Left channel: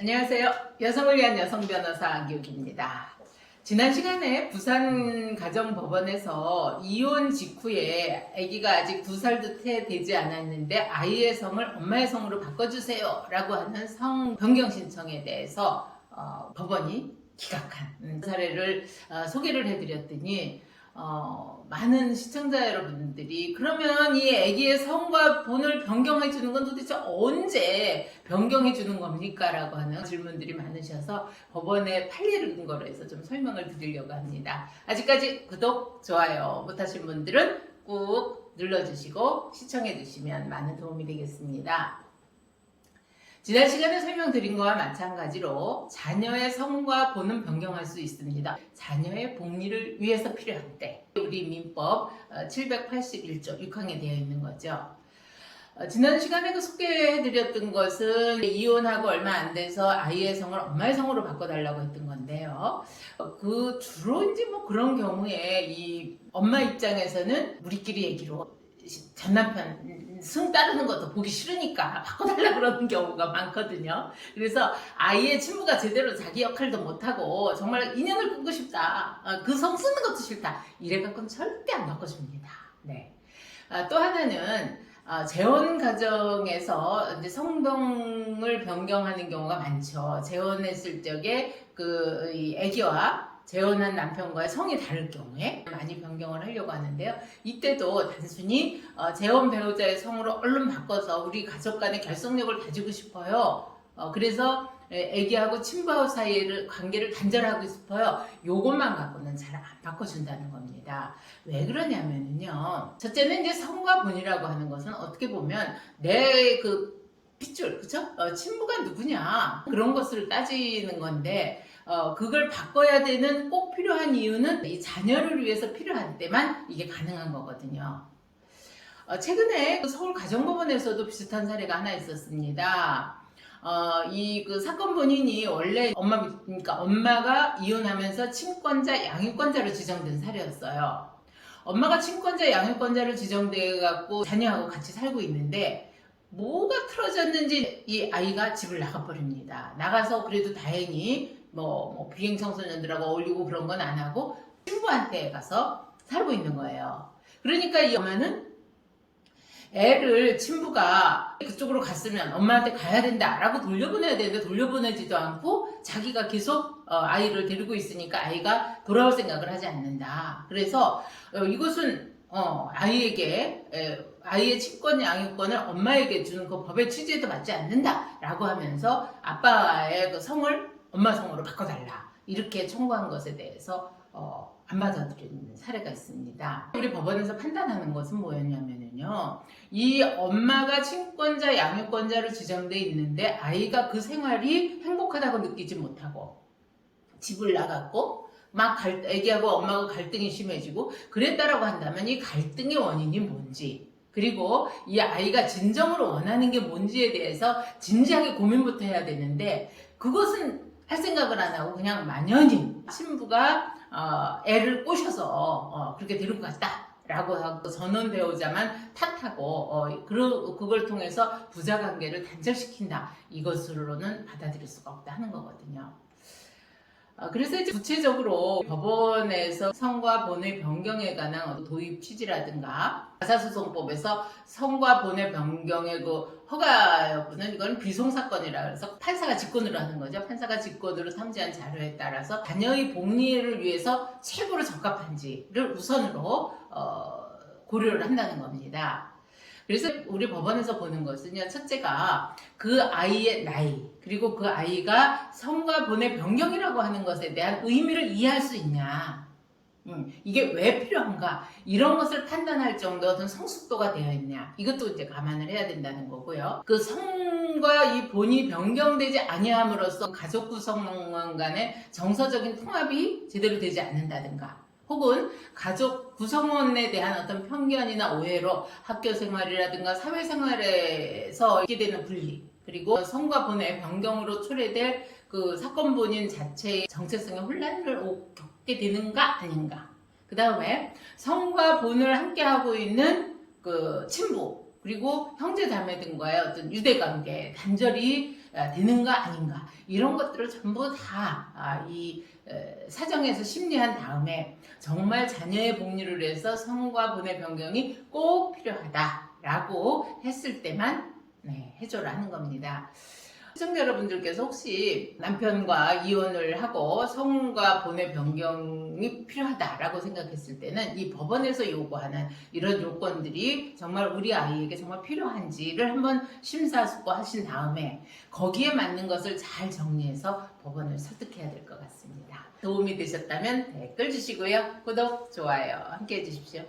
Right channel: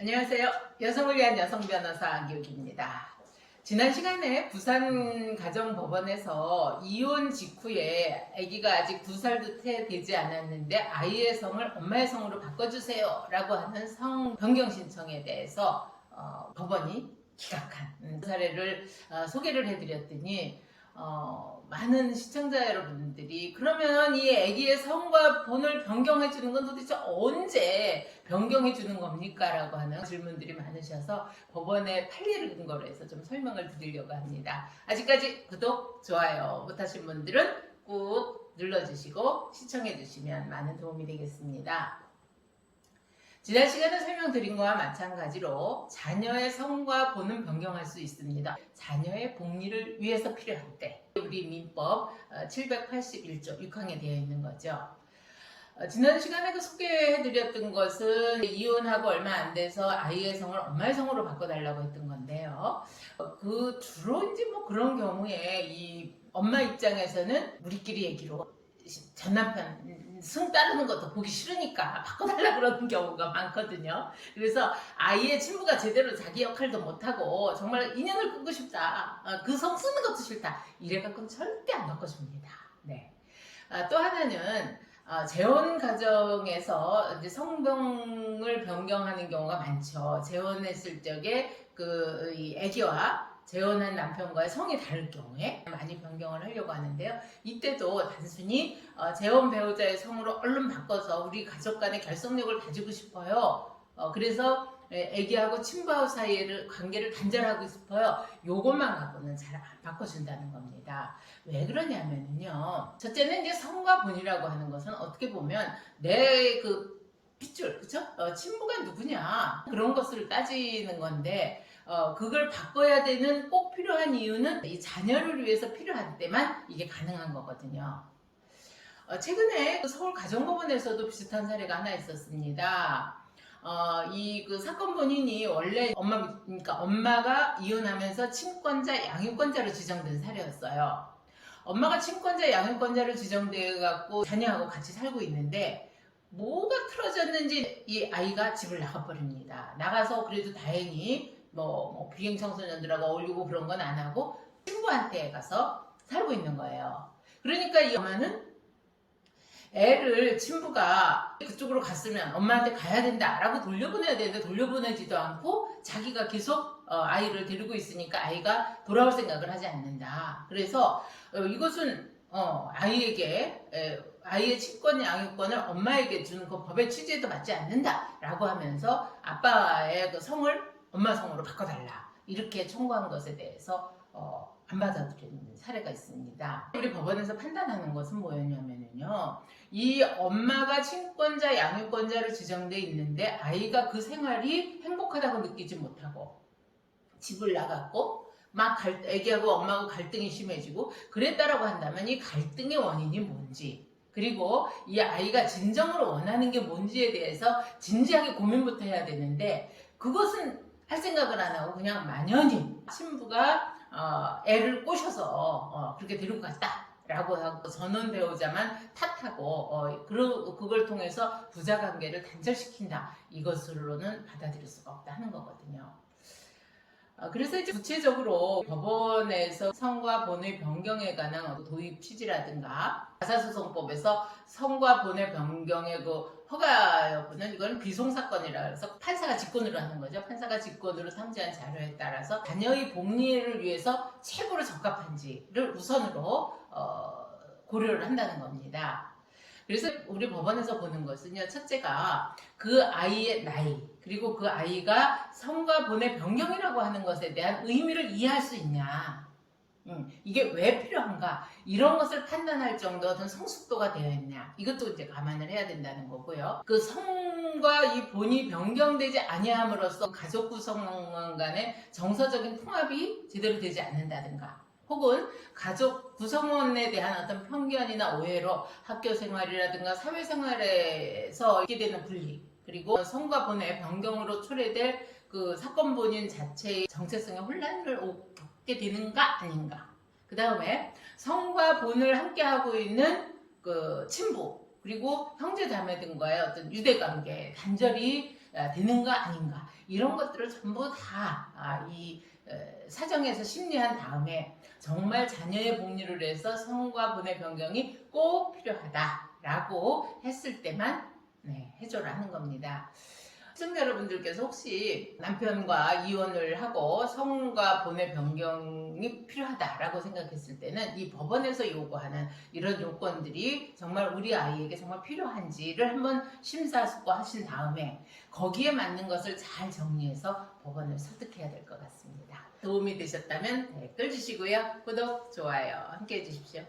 안녕하세요. 여성을 위한 여성 변호사 안기욱입니다. 지난 시간에 부산가정법원에서 이혼 직후에 아기가 아직 2살도 되지 않았는데 아이의 성을 엄마의 성으로 바꿔주세요 라고 하는 성 변경 신청에 대해서 법원이 기각한 사례를 소개를 해드렸더니 많은 시청자 여러분들이 그러면 이 아기의 성과 본을 변경해 주는 건 도대체 언제 변경해 주는 겁니까? 라고 하는 질문들이 많으셔서 법원에 판례를 거로 해서 좀 설명을 드리려고 합니다. 아직까지 구독, 좋아요 못하신 분들은 꾹 눌러주시고 시청해 주시면 많은 도움이 되겠습니다. 지난 시간에 설명드린 것과 마찬가지로 자녀의 성과 본은 변경할 수 있습니다. 자녀의 복리를 위해서 필요할 때 우리 민법 781조 6항에 되어 있는 거죠. 지난 시간에 소개해드렸던 것은 이혼하고 얼마 안 돼서 아이의 성을 엄마의 성으로 바꿔달라고 했던 건데요. 주로 이제 그런 경우에 이 엄마 입장에서는 우리끼리 얘기로 전 남편 승 따르는 것도 보기 싫으니까 바꿔달라 그러는 경우가 많거든요. 그래서 아이의 친부가 제대로 자기 역할도 못하고 정말 인연을 끊고 싶다. 그 성 쓰는 것도 싫다. 이래갖고는 절대 안 바꿔줍니다. 네. 또 하나는 재혼 가정에서 이제 성병을 변경하는 경우가 많죠. 재혼했을 적에 이 아기와 재혼한 남편과의 성이 다를 경우에 많이 변경을 하려고 하는데요. 이때도 단순히 재혼 배우자의 성으로 얼른 바꿔서 우리 가족 간의 결속력을 다지고 싶어요. 그래서 아기하고 친부하고 사이의 관계를 단절하고 싶어요. 요것만 갖고는 잘 안 바꿔준다는 겁니다. 왜 그러냐면요. 첫째는 이제 성과 본이라고 하는 것은 어떻게 보면 내 핏줄, 그쵸? 친부가 누구냐 그런 것을 따지는 건데 그걸 바꿔야 되는 꼭 필요한 이유는 이 자녀를 위해서 필요한 때만 이게 가능한 거거든요. 최근에 서울가정법원에서도 비슷한 사례가 하나 있었습니다. 사건 본인이 원래 엄마가 이혼하면서 친권자, 양육권자로 지정된 사례였어요. 엄마가 친권자, 양육권자로 지정돼 갖고 자녀하고 같이 살고 있는데 뭐가 틀어졌는지 이 아이가 집을 나가버립니다. 나가서 그래도 다행히 비행 청소년들하고 어울리고 그런 건 안 하고 친부한테 가서 살고 있는 거예요. 그러니까 이 엄마는 애를 친부가 그쪽으로 갔으면 엄마한테 가야 된다라고 돌려보내야 되는데 돌려보내지도 않고 자기가 계속 아이를 데리고 있으니까 아이가 돌아올 생각을 하지 않는다. 그래서 이것은 아이의 친권 양육권을 엄마에게 주는 그 법의 취지에도 맞지 않는다라고 하면서 아빠의 그 성을 엄마 성으로 바꿔달라 이렇게 청구한 것에 대해서 안 받아들이는 사례가 있습니다. 우리 법원에서 판단하는 것은 뭐였냐면요. 이 엄마가 친권자, 양육권자로 지정돼 있는데 아이가 그 생활이 행복하다고 느끼지 못하고 집을 나갔고 애기하고 엄마하고 갈등이 심해지고 그랬다라고 한다면 이 갈등의 원인이 뭔지 그리고 이 아이가 진정으로 원하는 게 뭔지에 대해서 진지하게 고민부터 해야 되는데 그것은 할 생각을 안 하고 그냥 만연히 친부가 애를 꼬셔서 그렇게 데리고 갔다라고 하고 전원 배우자만 탓하고 그걸 통해서 부자관계를 단절시킨다 이것으로는 받아들일 수가 없다 하는 거거든요. 그래서 이제 구체적으로 법원에서 성과 본의 변경에 관한 도입 취지라든가 가사소송법에서 성과 본의 변경의 허가 여부는 이건 비송사건이라 해서 판사가 직권으로 하는 거죠. 판사가 직권으로 탐지한 자료에 따라서 자녀의 복리를 위해서 최고로 적합한지를 우선으로 고려를 한다는 겁니다. 그래서 우리 법원에서 보는 것은요. 첫째가 그 아이의 나이 그리고 그 아이가 성과 본의 변경이라고 하는 것에 대한 의미를 이해할 수 있냐 이게 왜 필요한가 이런 것을 판단할 정도 어떤 성숙도가 되어 있냐 이것도 이제 감안을 해야 된다는 거고요. 그 성과 이 본이 변경되지 아니함으로써 가족 구성원 간의 정서적인 통합이 제대로 되지 않는다든가 혹은 가족 구성원에 대한 어떤 편견이나 오해로 학교 생활이라든가 사회생활에서 있게 되는 분리 그리고 성과 본의 변경으로 초래될 그 사건 본인 자체의 정체성의 혼란을 겪게 되는가 아닌가 그 다음에 성과 본을 함께하고 있는 그 친부 그리고 형제 자매 등과의 어떤 유대관계 단절이 되는가 아닌가 이런 것들을 전부 다 이 사정에서 심리한 다음에 정말 자녀의 복리를 위해서 성과 본의 변경이 꼭 필요하다라고 했을 때만 해줘라는 겁니다. 시청자 여러분들께서 혹시 남편과 이혼을 하고 성과 본의 변경이 필요하다라고 생각했을 때는 이 법원에서 요구하는 이런 요건들이 정말 우리 아이에게 정말 필요한지를 한번 심사숙고하신 다음에 거기에 맞는 것을 잘 정리해서 법원을 설득해야 될 것 같습니다. 도움이 되셨다면 댓글 주시고요. 구독, 좋아요 함께 해주십시오.